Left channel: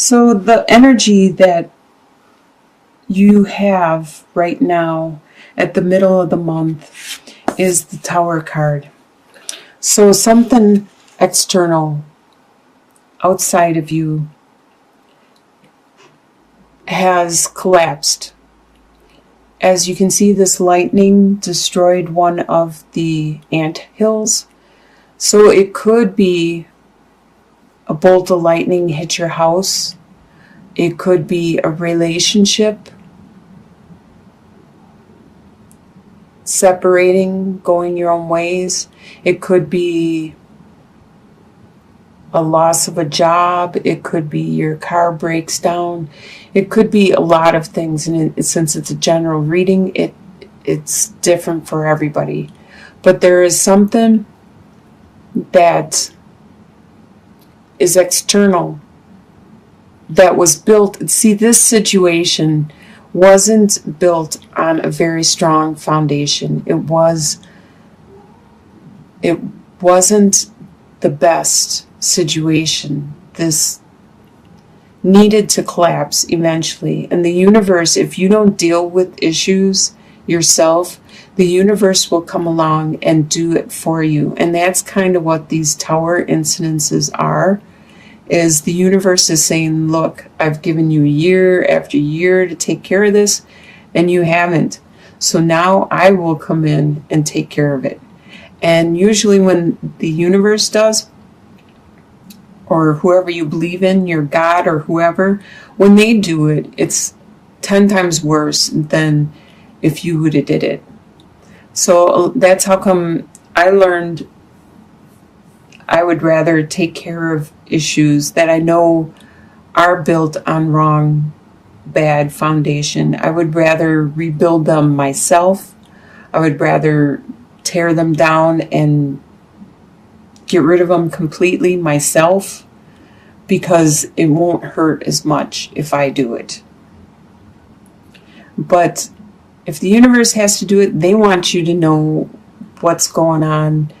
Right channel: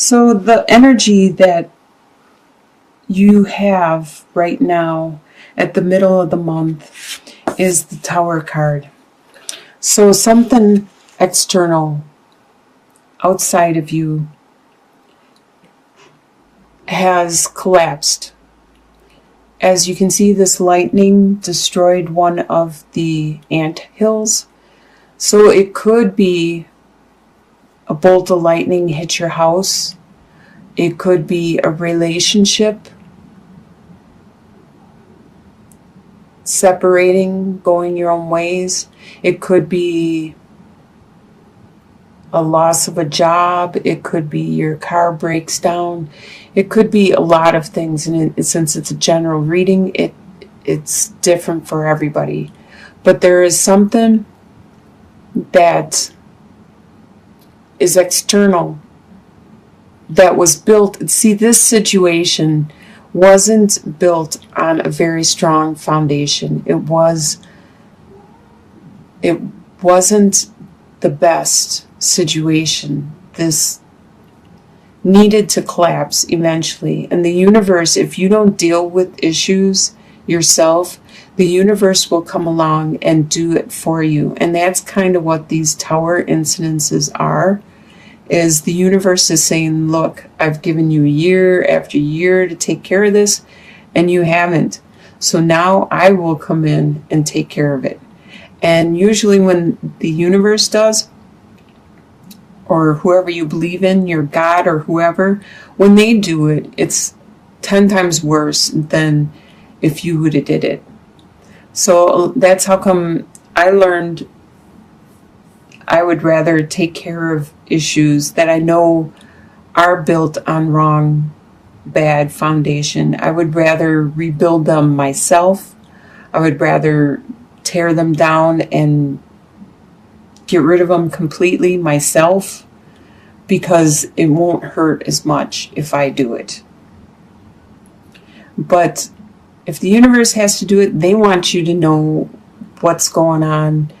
So the energy that you have right now at the middle of the month is the Tower card. So something external outside of you has collapsed. As you can see, this lightning destroyed one of the ant hills. So it could be a bolt of lightning hit your house. It could be a relationship separating, going your own ways. It could be a loss of a job. It could be your car breaks down. It could be a lot of things. And since it's a general reading, it's different for everybody. But there is something that is external that was built. See, this situation wasn't built on a very strong foundation. It wasn't the best situation. This needed to collapse eventually. And the universe, if you don't deal with issues yourself, the universe will come along and do it for you. And that's kind of what these tower incidences are, is the universe is saying, look, I've given you year after year to take care of this, and you haven't. So now I will come in and take care of it. And usually when the universe does, or whoever you believe in, your God or whoever, when they do it, it's 10 times worse than if you would have did it. So that's how come I learned I would rather take care of issues that I know are built on wrong, bad foundation. I would rather rebuild them myself. I would rather tear them down and get rid of them completely myself, because it won't hurt as much if I do it. But if the universe has to do it, they want you to know what's going on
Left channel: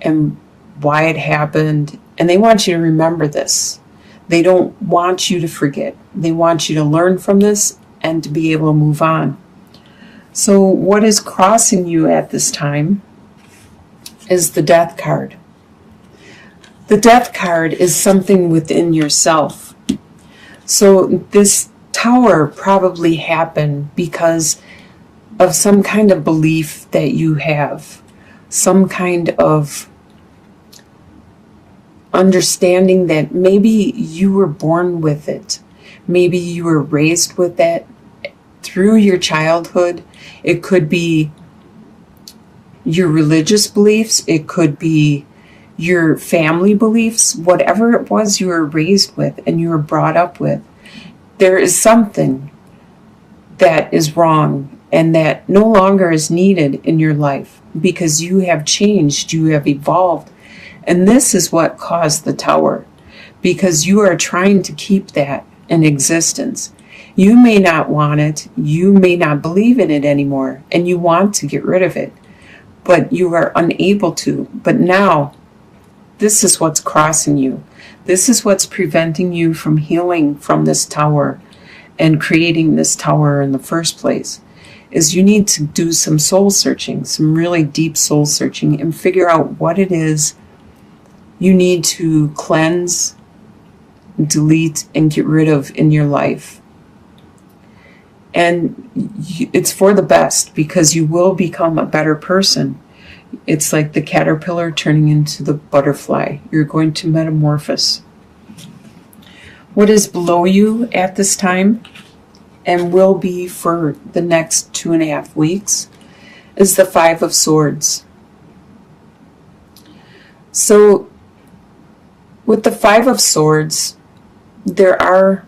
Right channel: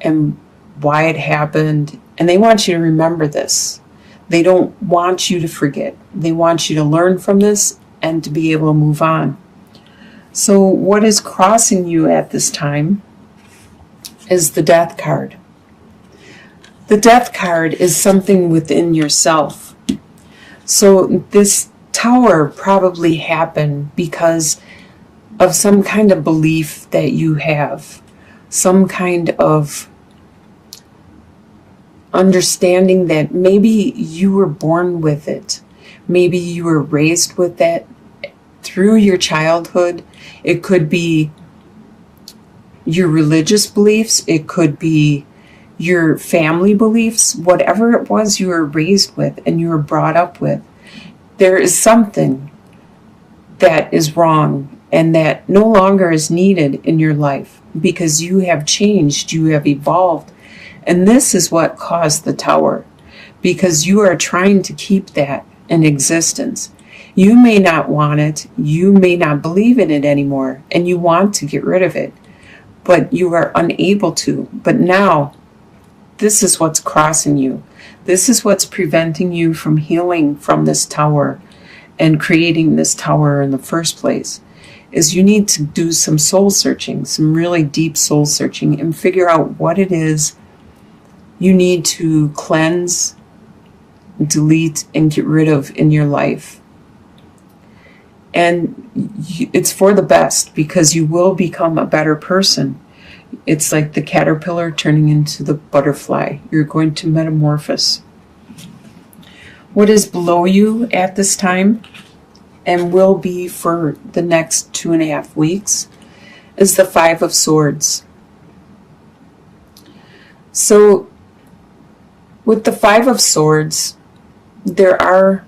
and why it happened, and they want you to remember this. They don't want you to forget. They want you to learn from this and to be able to move on. So what is crossing you at this time is the Death card. The Death card is something within yourself. So this tower probably happened because of some kind of belief that you have, some kind of understanding that maybe you were born with it. Maybe you were raised with that through your childhood. It could be your religious beliefs. It could be your family beliefs. Whatever it was you were raised with and you were brought up with, there is something that is wrong and that no longer is needed in your life because you have changed, you have evolved. And this is what caused the tower, because you are trying to keep that in existence. You may not want it, you may not believe in it anymore, and you want to get rid of it, but you are unable to. But now, this is what's crossing you. This is what's preventing you from healing from this tower and creating this tower in the first place, is you need to do some soul searching, some really deep soul searching, and figure out what it is you need to cleanse, delete, and get rid of in your life. And it's for the best, because you will become a better person. It's like the caterpillar turning into the butterfly. You're going to metamorphose. What is below you at this time, and will be for the next 2.5 weeks, is the Five of Swords. So, with the Five of Swords, there are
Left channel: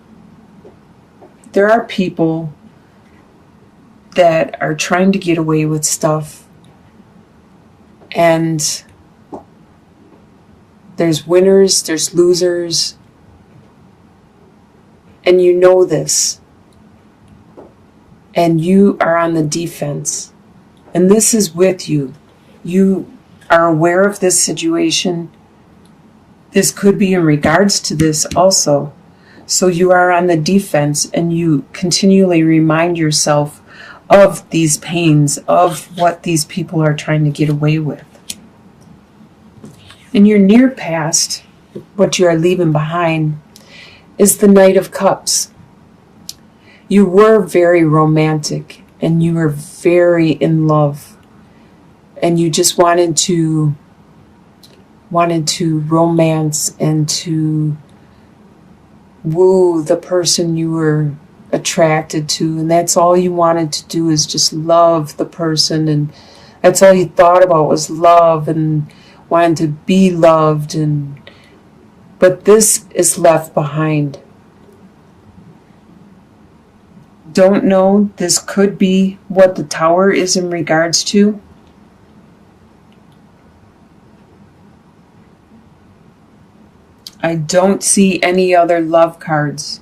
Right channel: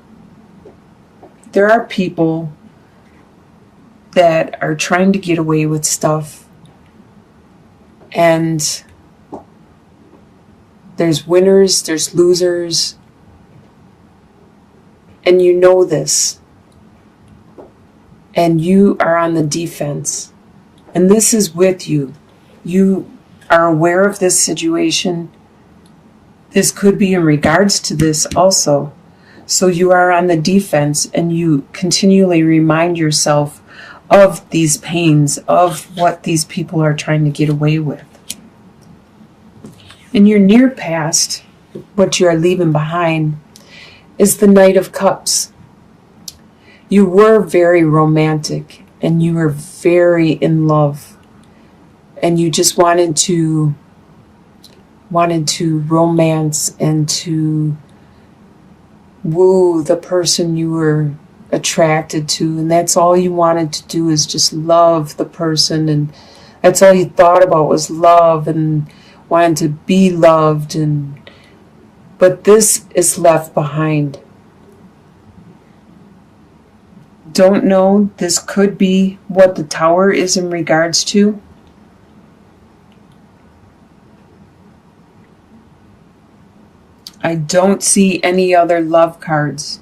people that are trying to get away with stuff, and there's winners, there's losers, and you know this, and you are on the defense, and this is with you. You are aware of this situation. This could be in regards to this also. So you are on the defense, and you continually remind yourself of these pains, of what these people are trying to get away with. In your near past, what you're leaving behind is the Knight of Cups. You were very romantic, and you were very in love, and you just wanted to romance and to woo the person you were attracted to, and that's all you wanted to do, is just love the person, and that's all you thought about was love and wanted to be loved. But this is left behind. Don't know, this could be what the Tower is in regards to. I don't see any other love cards.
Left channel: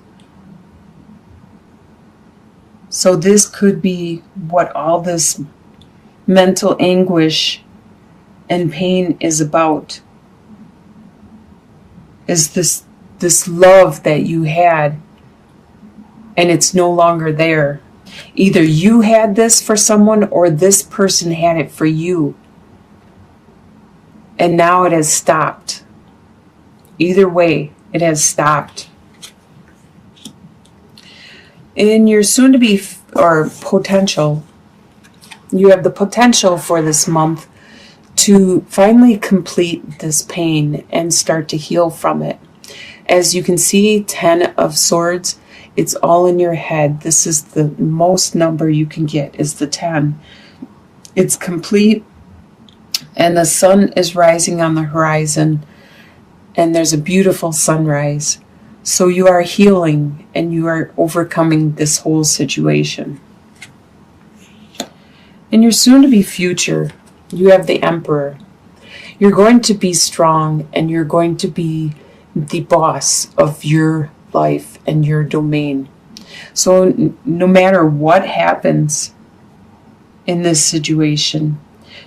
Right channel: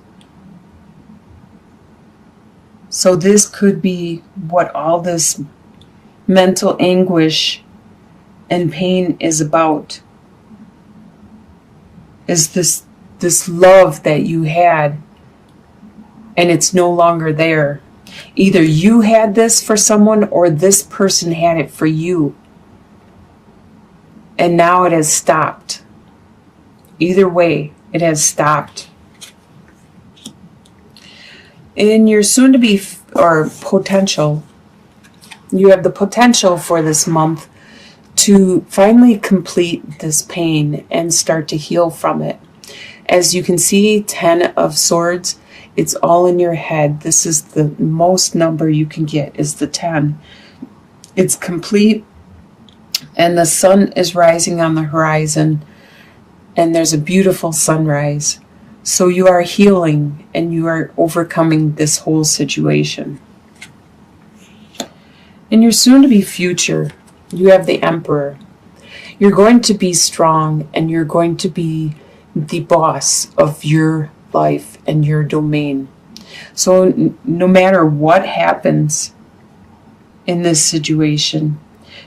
So this could be what all this mental anguish and pain is about. Is this love that you had, and it's no longer there. Either you had this for someone, or this person had it for you, and now it has stopped. Either way, it has stopped. In your soon-to-be or potential, you have the potential for this month to finally complete this pain and start to heal from it. As you can see, 10 of Swords, it's all in your head. This is the most number you can get, is the 10. It's complete, and the sun is rising on the horizon, and there's a beautiful sunrise. So you are healing, and you are overcoming this whole situation. In your soon-to-be future, you have the Emperor. You're going to be strong, and you're going to be the boss of your life and your domain. So no matter what happens in this situation,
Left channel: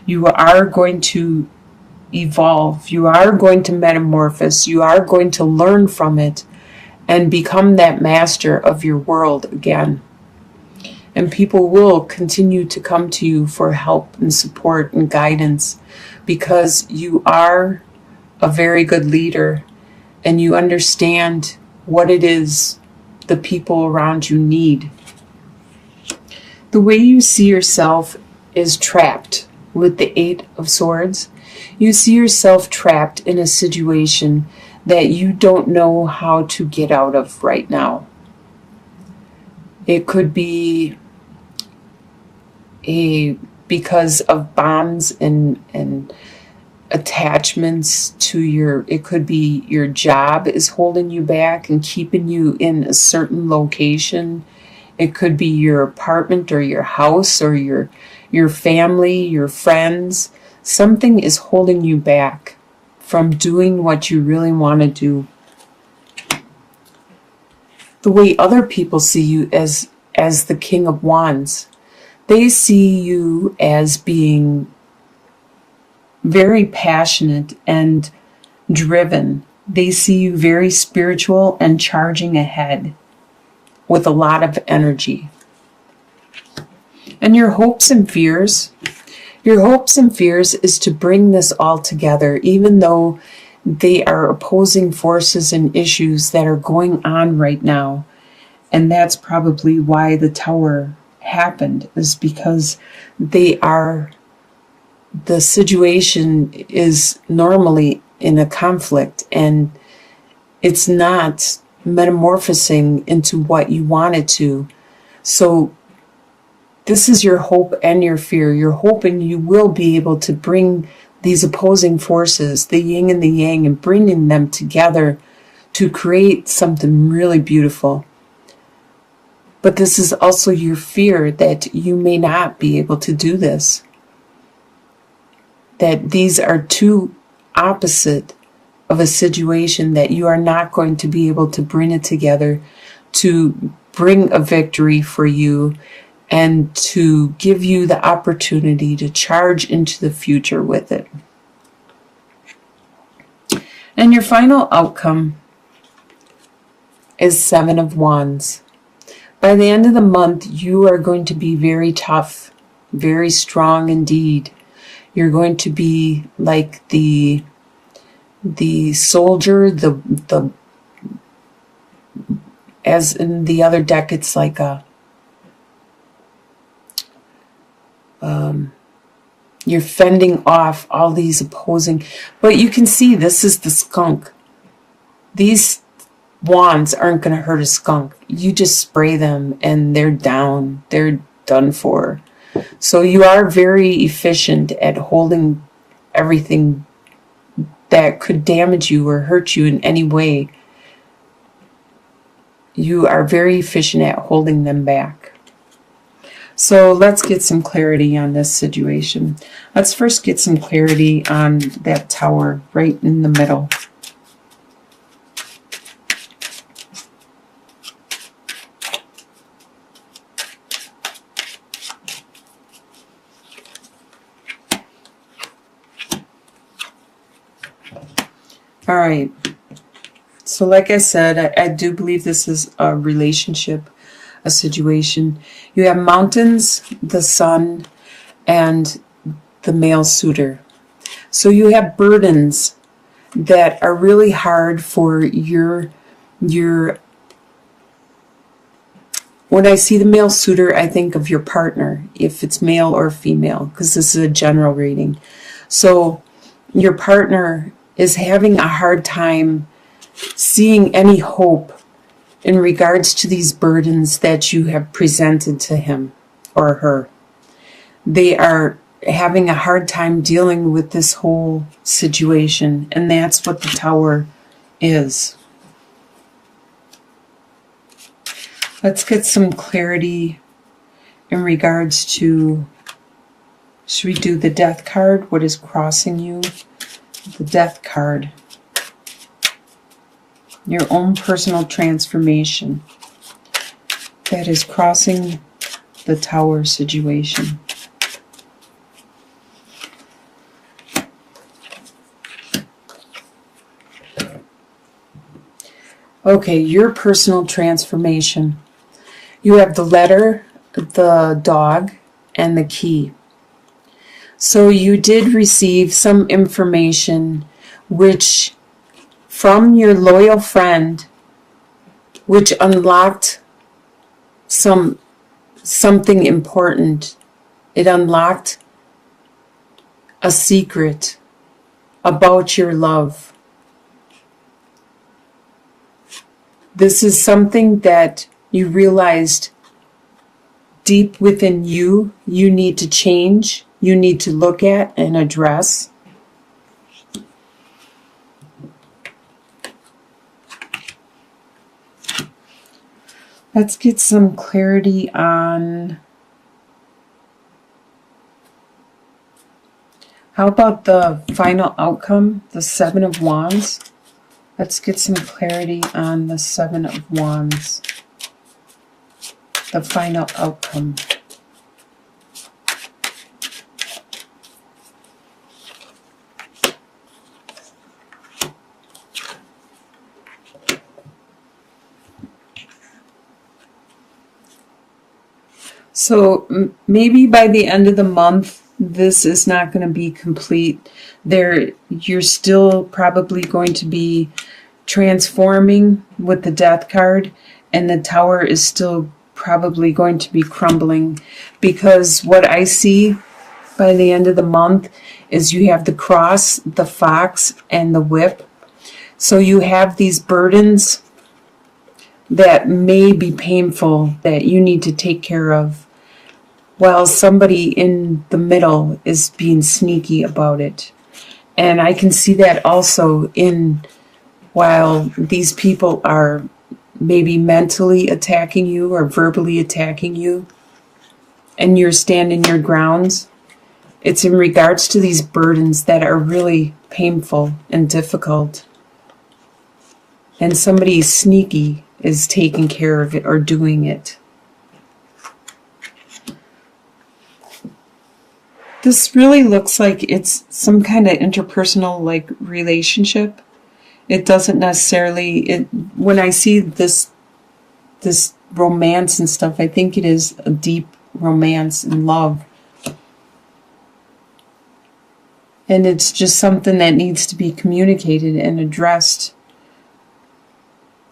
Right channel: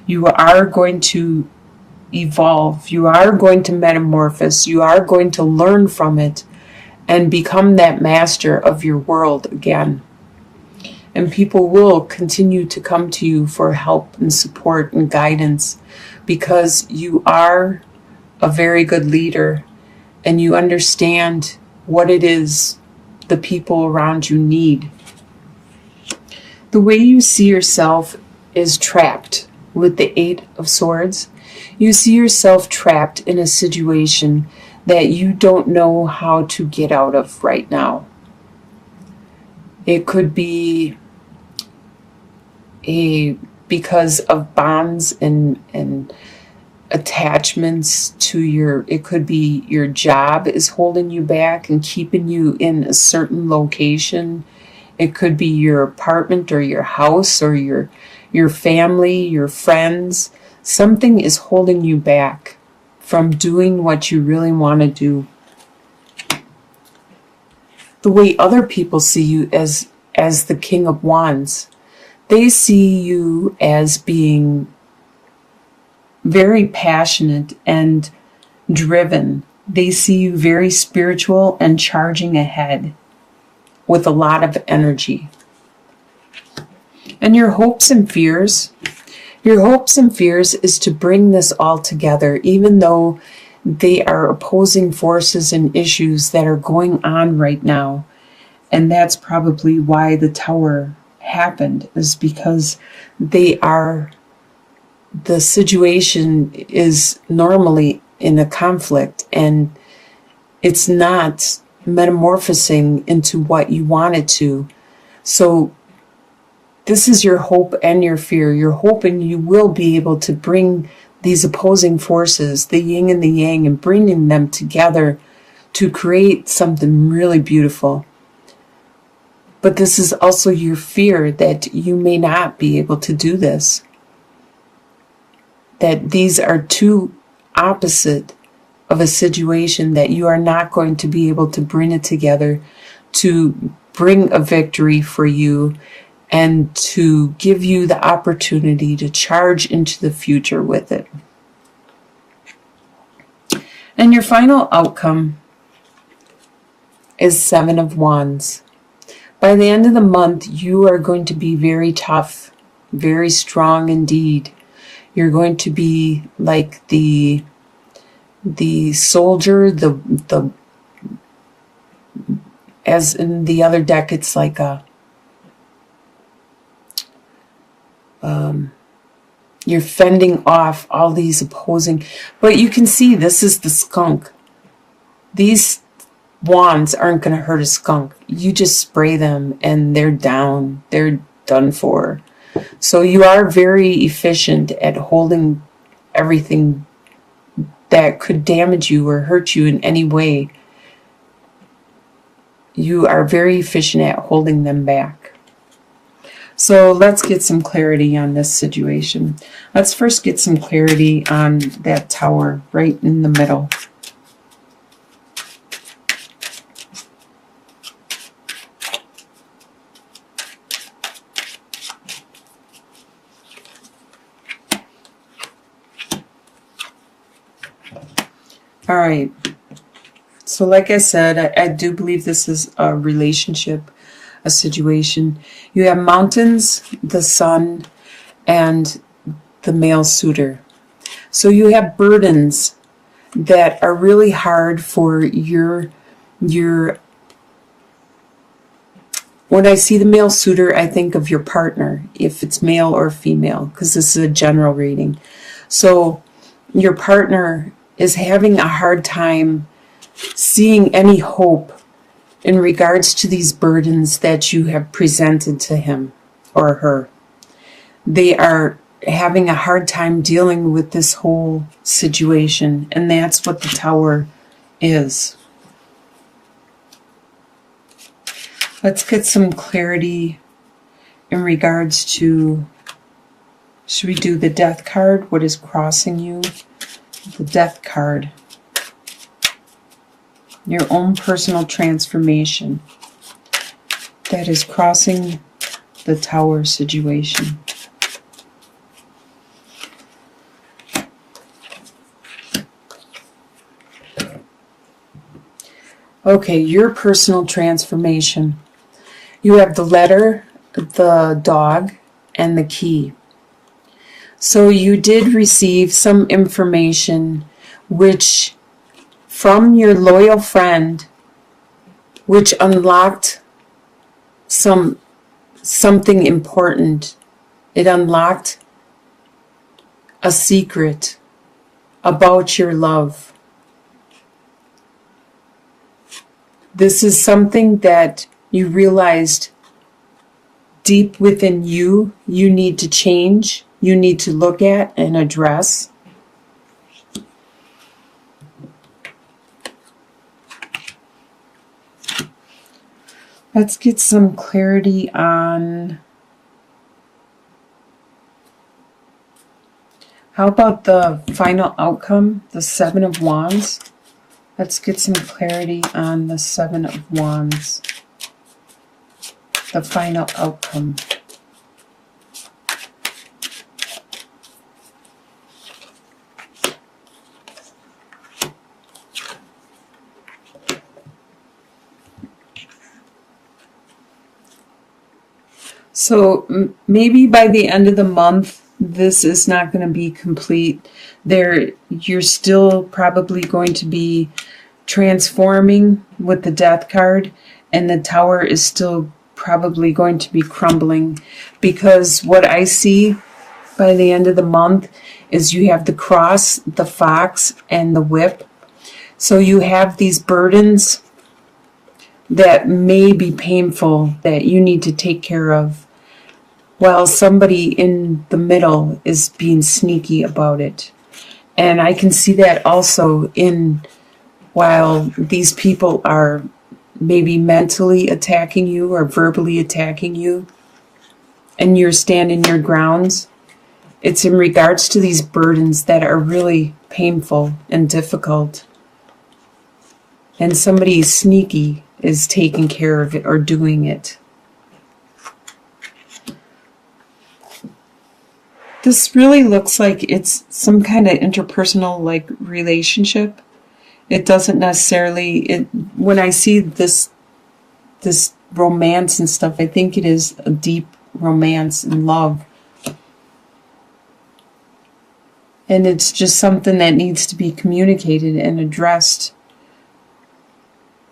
you are going to evolve. You are going to metamorphose. You are going to learn from it and become that master of your world again. And people will continue to come to you for help and support and guidance, because you are a very good leader, and you understand what it is the people around you need. The way you see yourself is trapped with the 8 of Swords. You see yourself trapped in a situation that you don't know how to get out of right now. It could be because of bonds and attachments to it could be your job is holding you back and keeping you in a certain location. It could be your apartment or your house or your family, your friends. Something is holding you back from doing what you really want to do. The way other people see you as the King of Wands, they see you as being very passionate and driven. They see you very spiritual and charging ahead with a lot of energy. And your hopes and fears is to bring this all together, even though they are opposing forces and issues that are going on right now. And that's probably why the Tower happened, is because the situation is normally in a conflict, and it's not metamorphosing into what you want it to. So this is your hope and your fear. You're hoping you will be able to bring these opposing forces, the yin and the yang, and bringing them together to create something really beautiful. But this is also your fear that you may not be able to do this. That these are too opposite of a situation, that you are not going to be able to bring it together to bring a victory for you and to give you the opportunity to charge into the future with it. And your final outcome is Seven of Wands. By the end of the month, you are going to be very tough, very strong indeed. You're going to be like the soldier, the as in the other deck, it's like you're fending off all these opposing. But you can see this is the skunk. These wands aren't going to hurt a skunk. You just spray them and they're down. They're done for. So you are very efficient at holding everything that could damage you or hurt you in any way. You are very efficient at holding them back. So let's get some clarity on this situation. Let's first get some clarity on that tower right in the middle. All right. So like I said, I do believe this is a relationship, a situation. You have mountains, the sun, and the male suitor. So you have burdens that are really hard for your when I see the male suitor, I think of your partner, if it's male or female, because this is a general reading. So your partner is having a hard time seeing any hope in regards to these burdens that you have presented to him or her. They are having a hard time dealing with this whole situation, and that's what the Tower is. Let's get some clarity in regards to, should we do the Death card? What is crossing you? The Death card. Your own personal transformation that is crossing the Tower situation. Okay, your personal transformation. You have the letter, the dog, and the key. So you did receive some information which from your loyal friend, which unlocked something important. It unlocked a secret about your love. This is something that you realized deep within you need to change, you need to look at and address. Let's get some clarity on, how about the final outcome, the Seven of Wands? Let's get some clarity on the Seven of Wands, the final outcome. So maybe by the end of the month, this is not going to be complete. You're still probably going to be transforming with the Death card, and the Tower is still probably going to be crumbling, because what I see by the end of the month is you have the Cross, the Fox, and the Whip. So you have these burdens that may be painful that you need to take care of, while somebody in the middle is being sneaky about it. And I can see that also while these people are maybe mentally attacking you or verbally attacking you, and you're standing your grounds. It's in regards to these burdens that are really painful and difficult. And somebody sneaky is taking care of it or doing it. This really looks like it's some kind of interpersonal relationship. It doesn't necessarily, when I see this romance and stuff, I think it is a deep romance and love. And it's just something that needs to be communicated and addressed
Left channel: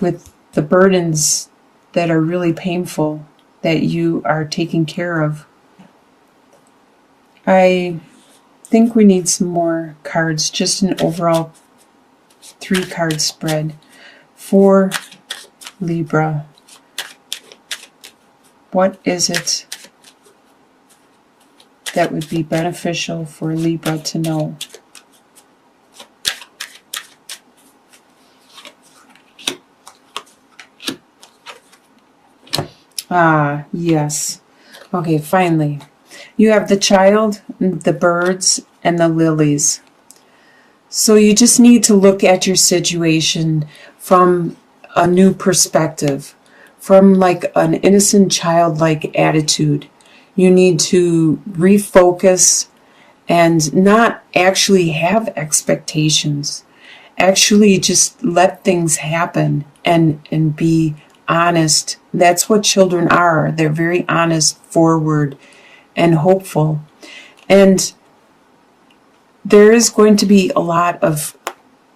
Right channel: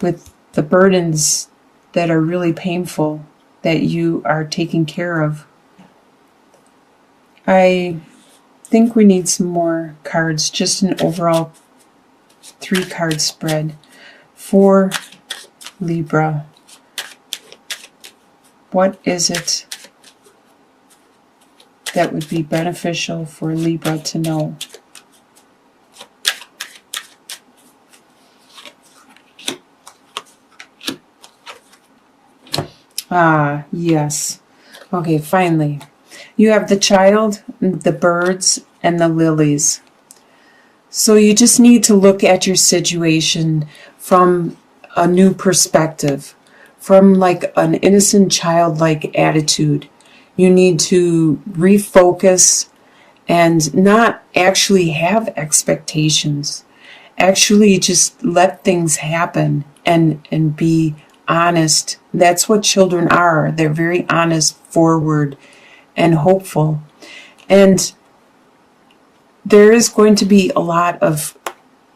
with the burdens that are really painful that you are taking care of. I think we need some more cards, just an overall 3-card spread for Libra. What is it that would be beneficial for Libra to know? Ah, yes. Okay, finally. You have the child, the birds, and the lilies. So you just need to look at your situation from a new perspective, from like an innocent childlike attitude. You need to refocus and not actually have expectations. Actually just let things happen and be honest. That's what children are. They're very honest, forward, and hopeful. And there is going to be a lot of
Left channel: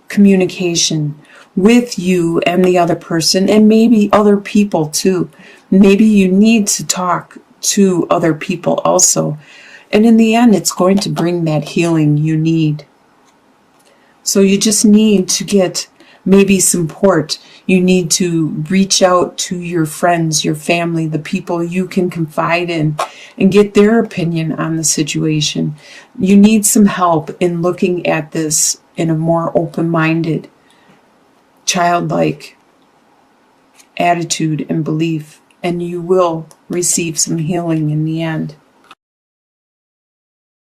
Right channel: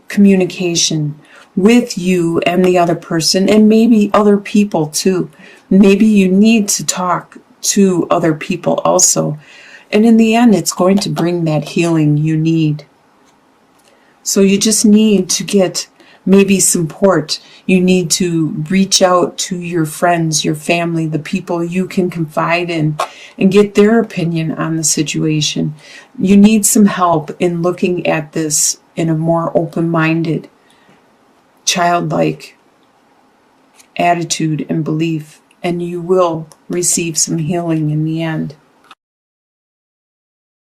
communication with you and the other person, and maybe other people too. Maybe you need to talk to other people also. And in the end, it's going to bring that healing you need. So you just need to get maybe support. You need to reach out to your friends, your family, the people you can confide in, and get their opinion on the situation. You need some help in looking at this in a more open-minded, childlike attitude and belief, and you will receive some healing in the end.